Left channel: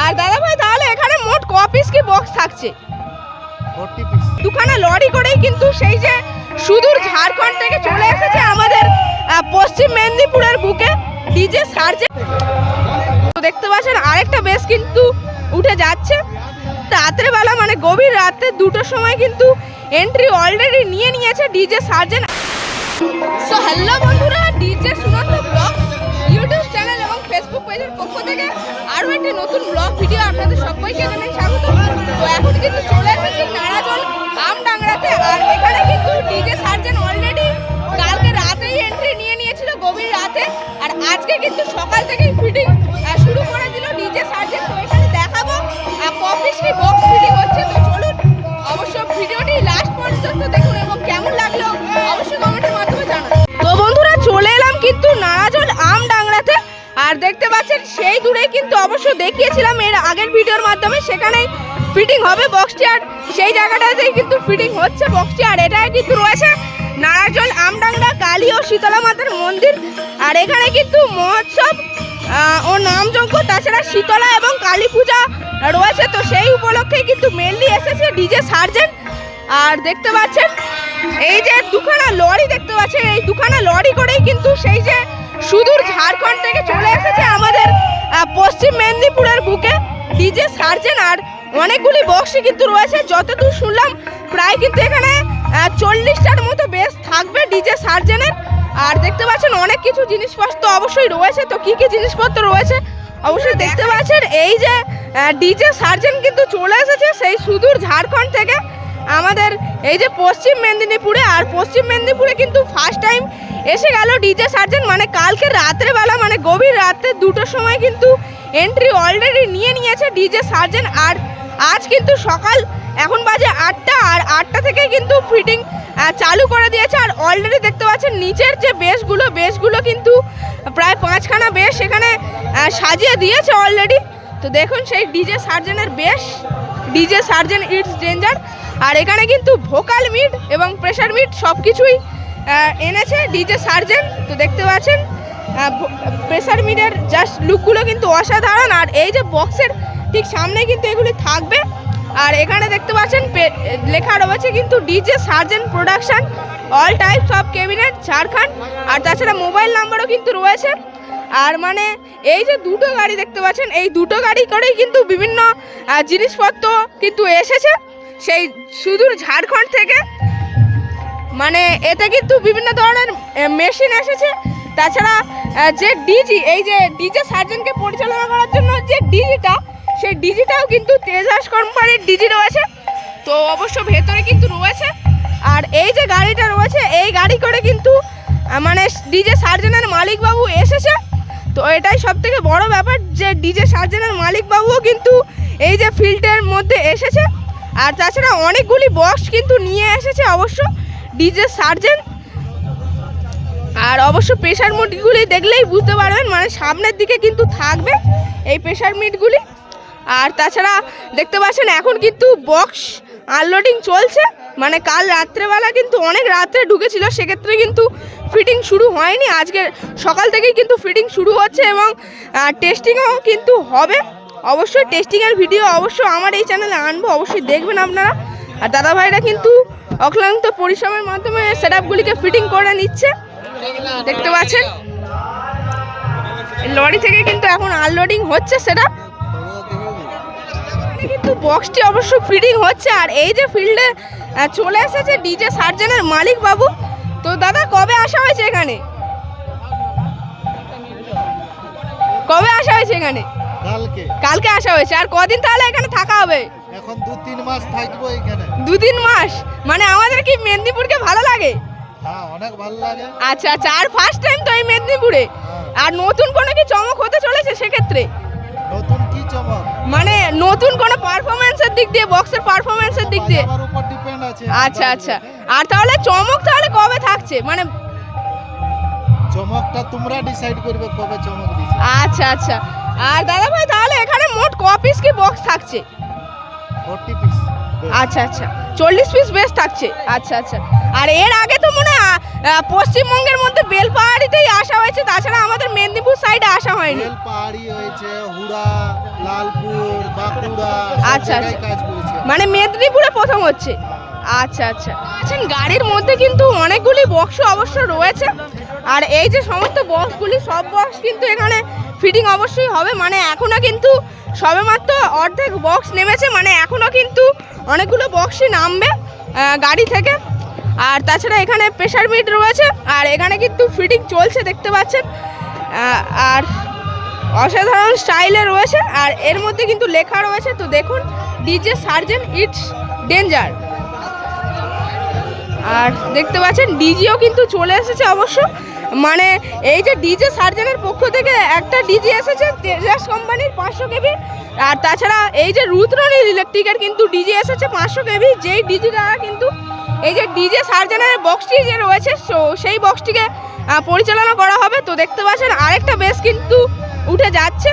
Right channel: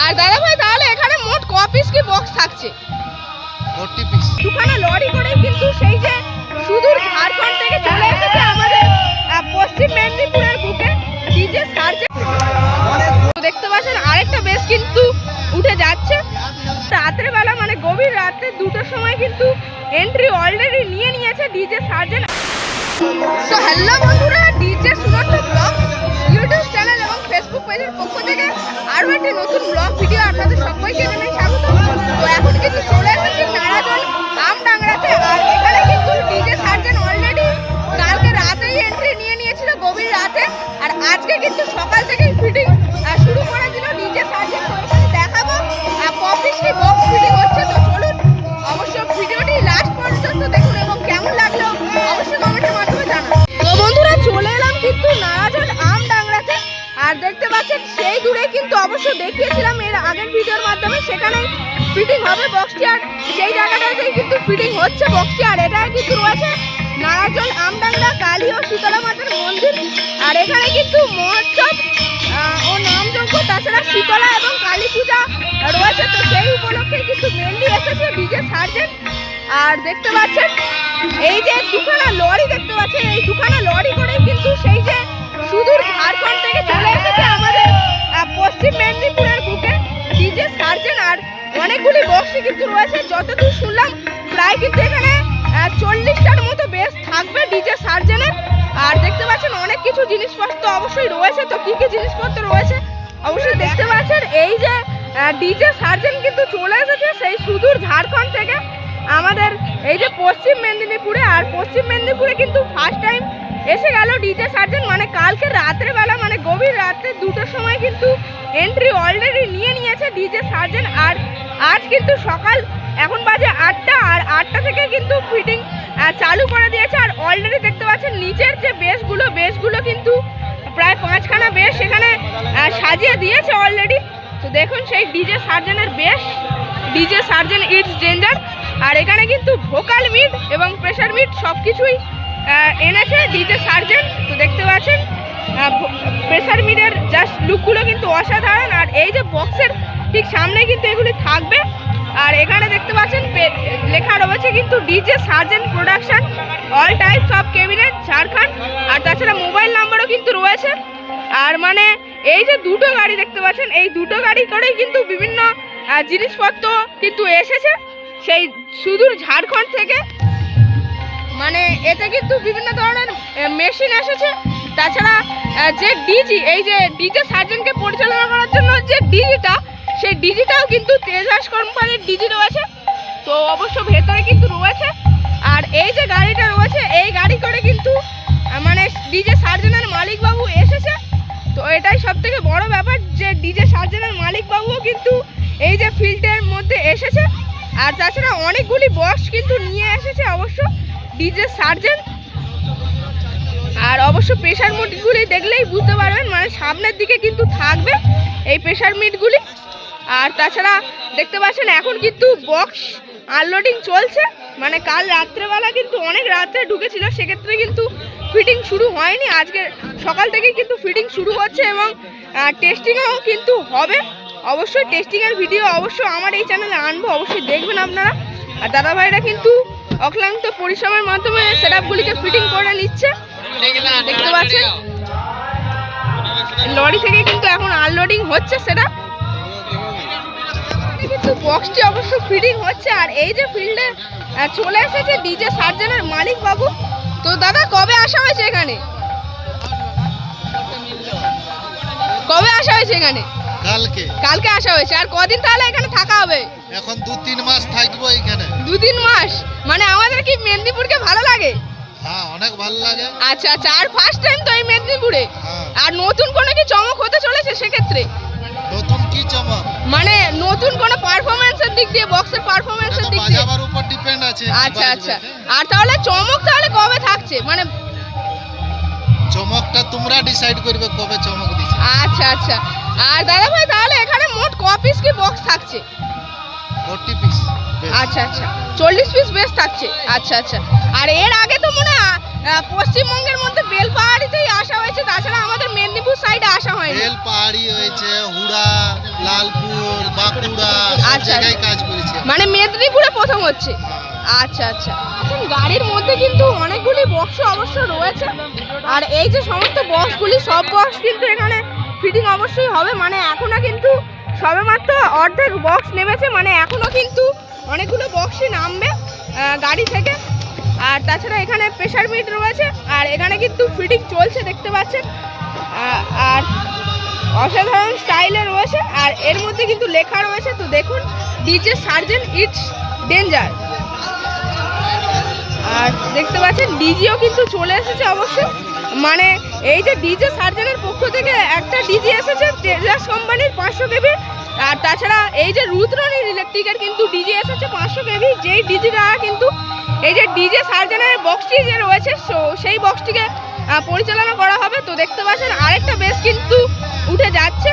আর দাদা ভাই তাহলে এখানে মোট ক পিস কি বক্স থাকছে? ফোরটি পিস দুখানা লরি করেই কিন্তু সেই যে সুদূর ঝাড়খণ্ড থেকে চলে এসেছে আমাদের পশ্চিম মেদিনীপুরের বুকে ডিজে সার্জে। দেখতে পাচ্ছেন আরেকটা বেশ কিন্তু উঠে যাচ্ছে। রাত্রে বেলা মানে গভীর রাতে দুটোর সময় কিন্তু এন্ট্রি অলরেডি নিয়ে নিয়েছে ডিজে সার্জেন। সো হ্যালো বন্ধুরা DJ Sunanda blog YouTube channel এবং ফেসবুক পেজের পক্ষ থেকে আরও একটি নতুন ব্লগ ভিডিও আপনাদের সবাইকে জানাই স্বাগত। তো এখন কিন্তু চলে এসেছি নারাজন আমডাংরাতে আর এখানে কিন্তু ডিজে সার্জেন অলরেডি কালকে রাতেই এন্ট্রি নিয়ে নিয়েছিল, গভীর রাতে। আর আজকে কিন্তু সকাল থেকেই ফিটিং শুরু করে দিল ডিজে সার্জেন। তো এখানে দেখাবো কপিসটি বক্স ফিটিং হচ্ছে। তো আর দেখতে পাচ্ছেন, সেই দূরে কিন্তু অবশ্য দেখিয়েছিলাম এর আগের ভিডিওর মাধ্যমে সেখানেই ফিটিং হবে বক্সটি আর সেই জায়গাটাতেই কিন্তু ফিটিং হচ্ছে বক্সটি আর এটা কিন্তু রয়েছে নারাজল আমডাংরা কালী ও শীতলা মাতার মন্দির। আর এখানে কিন্তু মহোৎসব ও নামযজ্ঞ, তাছাড়া শীতলা এবং কালী পূজা রয়েছে। তো সেই উপলক্ষে কিন্তু মেনলি এসেছে ডিজে সার্জেন্ট আর দেখতে পাচ্ছেন, এই যে দুখানা লরি দেখতে পাচ্ছেন, এই দুখানা লরি করেই কিন্তু সেই যে সুদূর ঝাড়খণ্ড থেকে চলে এসেছে আমাদের পশ্চিম মেদিনীপুরের বুকে ডিজে সার্জেন আর অনেকগুলি বক্সই কিন্তু রয়েছে। যতদূর শুনলাম, প্রায় কিন্তু এখানে চল্লিশটার মতো বেশ থাকবে ডিজে সার্জেনের। আর দেখতে পাচ্ছেন, অনেক কিছু জিনিসপত্র অবশ্যই রয়েছে। তো কি কি জিনিসপত্র রয়েছে? অবশ্যই দেখতে পাচ্ছেন, এই যে ডিজে সার্জেন কিন্তু চলে এসেছে সেই সুদূর ঝাড়খণ্ড থেকে। আমাদের এই যে পশ্চিম মেদিনীপুরে, আর পশ্চিম মেদিনীপুরে কিন্তু ফার্স্ট টাইম এসে গেল ডিজে সার্জেন মানে কালকে রাত্রেবেলা মানে গভীর রাতে দুটোর সময় কিন্তু এন্ট্রি অলরেডি নিয়ে নিয়েছে ডিজে সার্জেন আর আজ কিন্তু সকাল, এখন বাজে আটটা, আর আটটা থেকে কিন্তু ফিটিং চালু করে দিয়েছে। আর অলরেডি দেখতে পাচ্ছেন, নিচের যে বেসগুলো বেসগুলো কিন্তু প্রায় পাঁচখানা বেশ সেখানে সাজিয়ে দিয়েছে অলরেডি তো দেখুন সেই ডিজে সার্জেনের বেশ ডিজে সার্জেন ইটস ডেঞ্জার আর এখানে কিন্তু ভোকাল মিট এবং প্রেশার মিট সব কিছুই এনেছে ডিজে সার্জেন তো দেখতে পাচ্ছেন। প্রেশার মিটার জাস্ট লুকগুলো কিন্তু অসাধারণ, আর এই যে বক্সের ঠিক সামনে কিন্তু এগুলি থাকবে। আর এখানে দেখতে পাচ্ছেন লেখা রয়েছে কিন্তু DJ surgeon production all types of cabinet Jharkhand. আর তাছাড়া মোবাইল নাম্বারও কিন্তু রয়েছে। আর মানে এই যে দুটো গাড়ি দেখতে পাচ্ছেন, এই দুটো গাড়ি করেই কিন্তু বিভিন্ন জিনিসপত্র কিন্তু এসেছে। সেই সুদূর ঝাড়খণ্ড থেকে মানে এতে কিন্তু বিভিন্ন ধরনের মেশিন এসেছে। তাছাড়া যে ডিজি এই যে ডিজে সার্জেনকে পরিচালনা করার জন্য যে ডিজিটা সেই ডিজিটাও কিন্তু তেজাস কোম্পানির ডিজি রয়েছে। তো অবশ্য ভেতরে কিন্তু রয়েছে। আর এই যে গাড়িটা রয়েছে, এই গাড়ি করে কিন্তু মানে ডিজে সার্জেনের মালিকবাবু এসেছে। তো এটাই সব থেকে বড় ব্যাপার যে ডিজে সার্জেনের মালিকবাবুও কিন্তু এই যে ফিল্ডের মধ্যে এসেছে। আর তাছাড়া অনেকগুলি বক্স কিন্তু নিয়ে এসেছে অবশ্য। ডিজে সার্জেন আর অবশ্য প্রেশার মিটগুলি দেখলেই বুঝতে পারবেন মানে সামনের দিকে কিন্তু থাকবে এই প্রেশার মিটগুলি আর তাছাড়া দেখতে পাচ্ছেন, এখন কিন্তু বক্স আনলোডিং চলছে। মানে কাল রাত্রেবেলা কিন্তু অনেক রাত্রে ঢুকেছিল, সেক্ষেত্রে কিন্তু ফিটিং শুরু হয়নি। আজকে সকাল থেকেই কিন্তু ফিটিং শুরু হচ্ছে এবং টেস্টিংও কিন্তু হবে। অবশ্যই টেস্টিংয়ের ভিডিও অবশ্য আমার এই চ্যানেলে আনব, অবশ্যই দেখবেন আপনারা। আর দাদাভাইরা কিন্তু অক্লান্ত পরিশ্রমের মাধ্যমে সেট আপগুলিকে ফিটিং করে নিচ্ছে। দেখতে পাচ্ছেন? লরি থেকে কিন্তু এখন আনলোডিং হচ্ছে সেটা কিন্তু বক্সটি অবশ্য ফিটিং হচ্ছে আর এই যে ফিল্ডে চলে এসেছে ডিজে সার্জেনের মালিক বাবু। তো দাদা কবে আসা হয়েছে এখানে? কবে আসা হয়েছে এখানে? কালকে। কালকে আসা হয়েছে। আর কদিন তাহলে এখানে থাকা হবে? এখন দু তিন মাস থাকব এখানে। দুই তিন মাস? মানে আমাদের কি মেদিনীপুরকে ভালো লাগে? হ্যাঁ অনেক ভালো লাগে। আচ্ছা আচ্ছা আর ফার্স্ট টাইম তো এই মেদিনীপুরে? হ্যাঁ। আর নতুন কোনো কি চমক হতে চলেছে সেক্ষেত্রে? নতুন কি চমক? মানে নতুন কোনো পারফরমেন্সের দিক দিয়ে বক্সের পারফরমেন্সের দিক দিয়ে? বাজাবার উপর ডিপেন্ড আছে আচ্ছা আচ্ছা। আর তাহলে চমক তাহলে কবে থাকছে? মানে চমকটা তোমরা ডিসাইড করবে কবে চমক আচ্ছা আচ্ছা। আর দাদা ভাই তাহলে এখানে মোট ক পিস কি বক্স থাকছে? ফোরটি পিস আচ্ছা আচ্ছা। চল্লিশ পিস বেশ থাকছে। আচ্ছা আচ্ছা। আর এর আগে তো মনে হয় পশ্চিমবঙ্গের মধ্যে বেলপাহাড়িতেই আসা হয়েছে তাছাড়া আমাদের মেদিনীপুর সাইডে আসা হয়নি। বেল পাহাড়ি হয়েছে হুড়া লালপুর বাঁকুড়া সব আচ্ছা, জায়গায় আচ্ছা। কাজ করেছি মানে মেদিনীপুরে প্রথম হচ্ছে। হ্যাঁ। আচ্ছা আচ্ছা। আচ্ছা গাড়ির মধ্যে কিন্তু অনেকগুলি বক্স অবশ্য রয়েছে। আর এই যে সমস্ত বক্সগুলি সব বক্স কিন্তু এখানে ফিটিং অবশ্যই হবে। মানে এখনও কিন্তু সবেমাত্র অর্ধেক বক্স নেমেছে মানে এখনও কিন্তু অনেকগুলো বক্সই নামবে গাড়ি থেকে। আর তাছাড়া এখানে প্রেশার মিট রয়েছে, আর এখানে কিন্তু ফিটিং চলছে, দেখতে পাচ্ছেন। আর অসাধারণ স্টাইলে রয়েছে, আর এর মধ্যে কিন্তু লেখা রয়েছে, তো দেখুন ডিজে সার্জেন ইটস ডেঞ্জার আর দেখতে পাচ্ছেন, ডিজিও কিন্তু চলে এসেছে অবশ্য। মানে এই যে ডিজে সার্জেনের পক্ষ থেকে একটা ডিজি এসেছে টেলার্স কোম্পানির পাঁচশো কেবি আর তাছাড়া এই যে রুদ্রনী ইলেকট্রিকের কিন্তু ডিজি এসেছে পাঁচশো কেবি যেই ডিজিটা কিন্তু, এই যে ডিজে সার্জেনের বক্সটি যে রয়েছে সেই বক্সটিকে পরিচালনা করা হবে। তো দেখতে পাচ্ছেন, আরেকটা বেশ কিন্তু উঠে যাচ্ছে।